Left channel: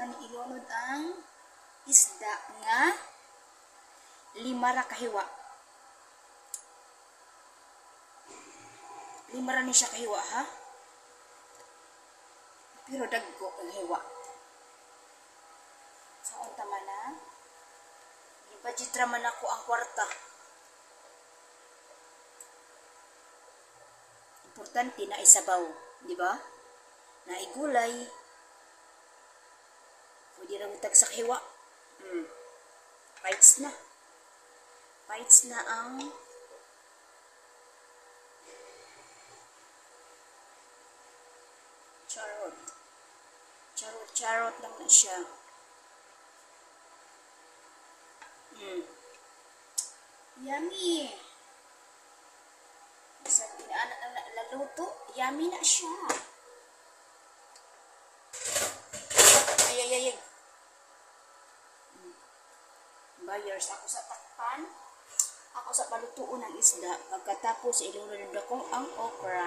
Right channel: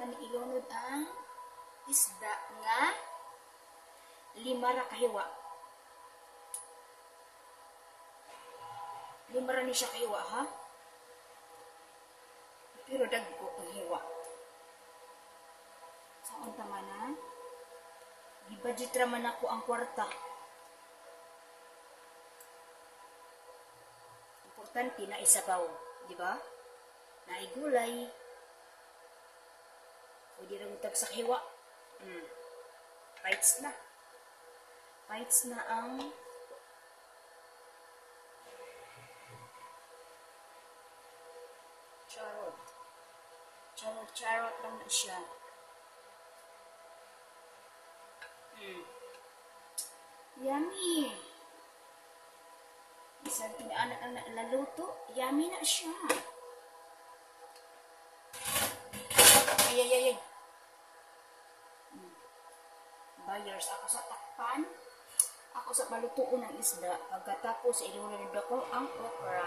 na ni ilunod ang isda nga 5 ra kahiwa. 5 ra ni siya kahiwa, ha? Pero dagko ang hiwa. Sa unta man na, gibudget ra man ako ang kwarta. Importante na isabaw, di ba? Na igulay. Pwede ra mutag sa hiwa. Bites na. Bites na ang charot. Charot lang na siya. Yummy. Isang pinaanak na naluto, yummy na siya. Ay. Buyers, ako sa takpan. Ako sa malutuon ng isda. Pagkatapos, ilunod ko ang okra.